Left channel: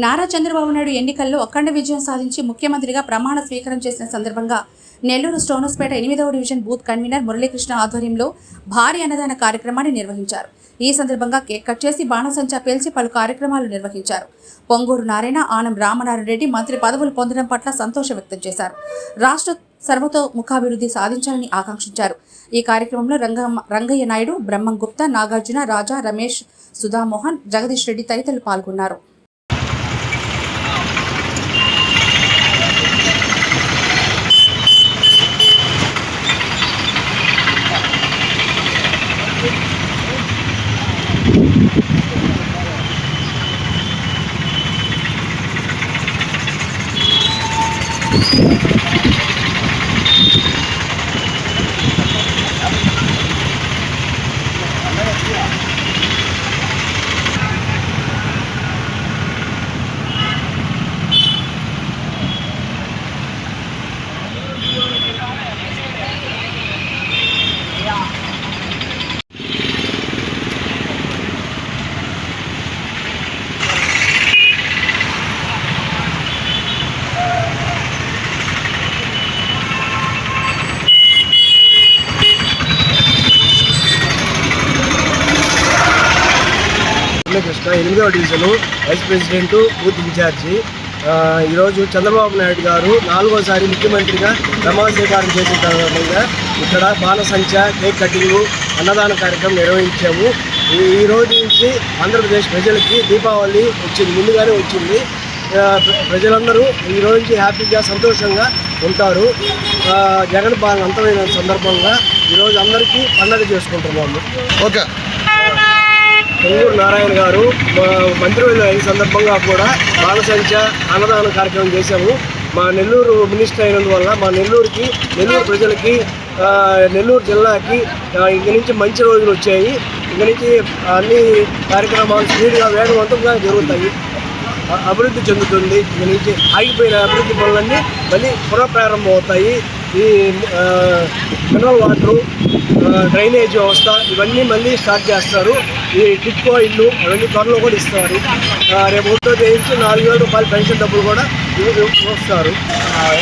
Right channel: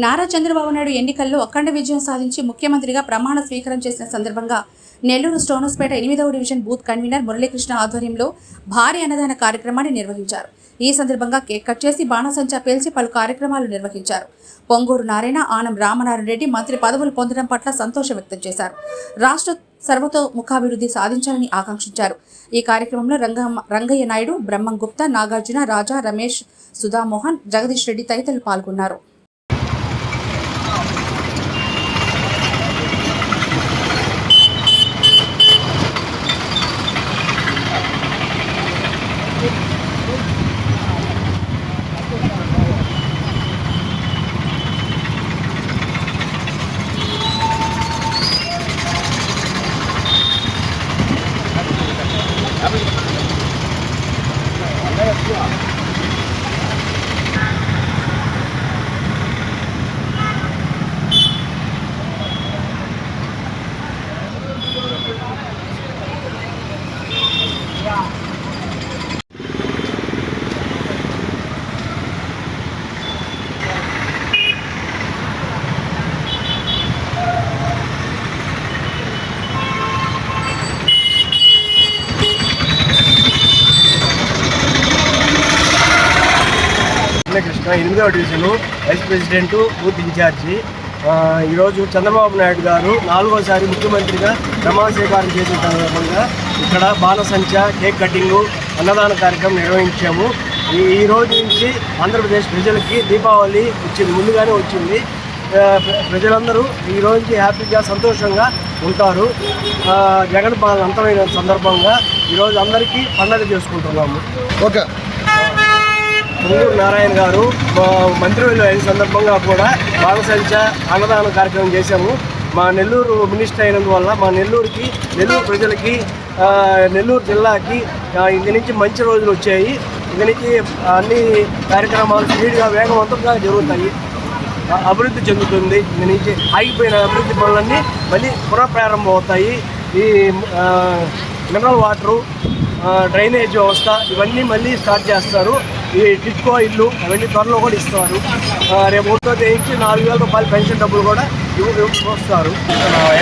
నారా చంద్రబాబు నాయుడు ఎన్నికల్లో అఖండ విజయం సాధించి ముఖ్యమంత్రిగా ప్రమాణ స్వీకారం చేసిన సందర్భంగా నెల్లూరు స్టోనస్పేట 8వ డివిజన్ బూత్ కన్వీనర్ మురళీకృష్ణ ఆధ్వర్యంలో భారీ అన్నదాన కార్యక్రమాన్ని నిర్వహించారు. ఈ సందర్భంగా కేక్ కట్ చేసి బాణసంచా పేల్చి పలు కార్యక్రమాలు నిర్వహించారు. పొంగూరు నారాయణ, ఆనం రామనారాయణ రెడ్డి మంత్రి పదవులు పొందడం పట్ల సంతోషం వ్యక్తం చేశారు. రాష్ట్ర సర్వతోముఖాభివృద్ధి సాధించాలని ఆకాంక్షించారు. ఈ కార్యక్రమంలో రంగయ్య నాయుడు, బ్రహ్మం గుప్తా, నాగార్జున, రాజా, రమేష్, సుధామోహన్, జగదీష్ రెడ్డి తదితరులు పాల్గొన్నారు. కృష్ణ 8వ division vice president, booth in charge. ఈరోజు చంద్రబాబు నాయుడు గారు 4వసారి ముఖ్యమంత్రిగా ప్రమాణ స్వీకారం చేసిన సందర్భంగా ఇక్కడ బాణసంచా, కేక్ కటింగు, అన్నదాన కార్యక్రమం నిర్వహించాము. ఈ రోజు నుంచి ఆంధ్రప్రదేశ్ ప్రజలకి దీపావళి ముందుగానే వచ్చింది. ప్రజలందరూ ఈ రోజు నుంచి హ్యాపీగా, సంతోషంగా ఉంటారు. జగన్ పాలన అంతమైన సందర్భంగా ఈరోజు అందరికీ పండగ చేసుకుంటున్నాము. ఓకే. పొంగూరు నారాయణ గారు మంత్రివర్యులు అయిన సందర్భంగా కూడా బాణసంచా అన్నదాన కార్యక్రమం చేశాము. మా నెల్లూరు మినిస్టర్ అయినందువల్ల మా నెల్లూరు ప్రజలకి, నెల్లూరు జిల్లాకి ఇక నుంచి మంచి రోజులు వచ్చాయి. ఇక నుంచి అన్ని కార్యక్రమాలు స్పీడ్గా, వేగవంతంగా జరుగుతాయి. అభివృద్ధి చెందుతుంది. ఇక నుంచి ఆగిపోయిన అభివృద్ధి పనులన్నీ మళ్ళీ పునఃప్రారంభం అవుతాయి. ఈ మినరల్ వాటరు, డ్రైనేజ్ వ్యవస్థ ఇవన్నీ మళ్ళీ స్టార్ట్ చేస్తారు. ఈ టిట్కో ఇల్లు అవన్నీ త్వరలో కూడా ఇస్తారు. రేపు 1వ తేదీ నుంచి 4,000 రూపాయల పెన్షన్ డబ్బులు కూడా వస్తారు.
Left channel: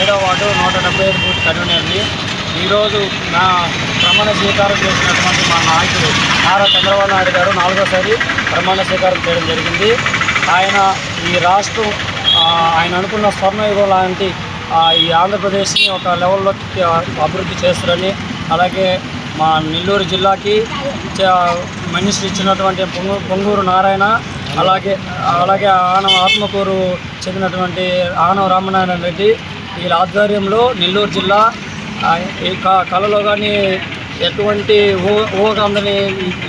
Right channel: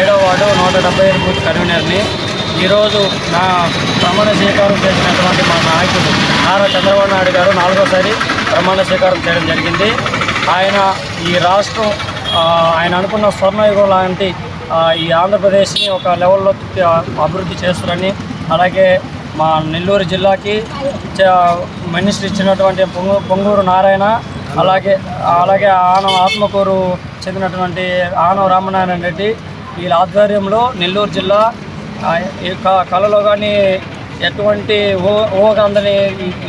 7వ వార్డు 175 బూత్ కన్వీనర్ని. ఈరోజు నా ప్రమాణ స్వీకారం చేసినటువంటి మా నాయకుడు నారా చంద్రబాబు నాయుడు గారు 4వసారి ప్రమాణ స్వీకారం చేయడం జరిగింది. ఆయన ఈ రాష్ట్రం ఆయన అనుకున్న స్వర్ణయుగం లాంటి ఈ ఆంధ్రప్రదేశ్ని ఒక లెవెల్లో అభివృద్ధి చేస్తారని, అలాగే మా నెల్లూరు జిల్లాకి మినిస్టర్ ఇచ్చినటువంటి పొంగూరు నారాయణ, అలాగే ఆత్మకూరు చెందినటువంటి ఆనం రామనారాయణ రెడ్డి వీళ్ళ ఆధ్వర్యంలో నెల్లూరు జిల్లా కళలో కానీ ఎటువంటి ఊహకందని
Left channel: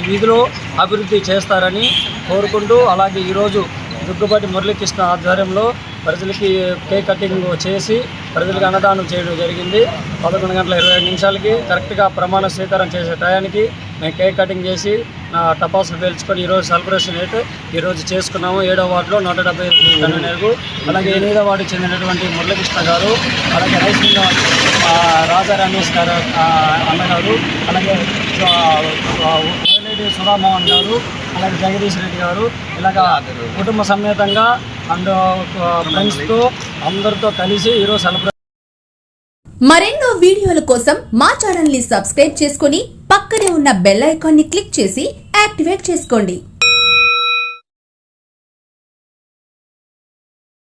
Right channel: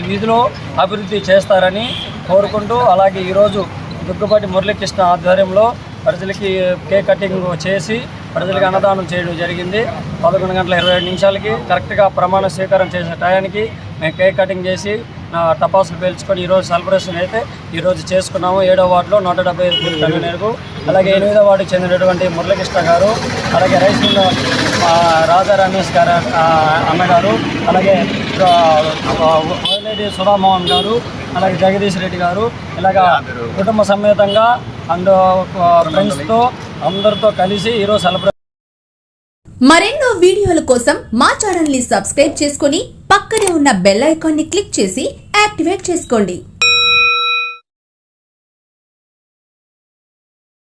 వీధిలో అభివృద్ధి చేస్తారని కోరుకుంటూ, అలాగే ఈరోజు దుగ్గుపాటి మురళీకృష్ణ ఆధ్వర్యంలో ప్రజలకి కేక్ కటింగ్ చేసి ప్రజలకి అన్నదానం చేయడం జరిగింది. 11:27 కరెక్ట్గా ప్రమాణ స్వీకారం చేసే టయానికి మేము కేక్ కటింగ్ చేసి టపాసులు పేల్చుకొని ఈరోజు సెలబ్రేషన్ అయితే ఈరోజు చేసుకున్నాము. 7వ వార్డులో 175 కన్వీనర్కు, అలాగే 8వ వార్డుకి చెందినటువంటి మురళీకృష్ణ గారు, అలాగే రైస్ మిల్ రాజా రమేష్ గారు అన్నగారు, అలాగే వైలేడి సుధామోహన్ గారు, అలాగే జగదీష్ రెడ్డి గారు, ఇలాగా కుటుంబ సమేతంగా అండ్ ఫ్రెండ్స్తో అందరితో కలిసి ఈరోజు సెలబ్రేషన్. మరెన్నో వీడియోల కోసం మా ఛానల్ ని సబ్స్క్రైబ్ చేసుకుని పక్కనే ఉన్న బెల్ ఐకాన్ ని క్లిక్ చేసి యాక్టివేట్ చేసుకోండి.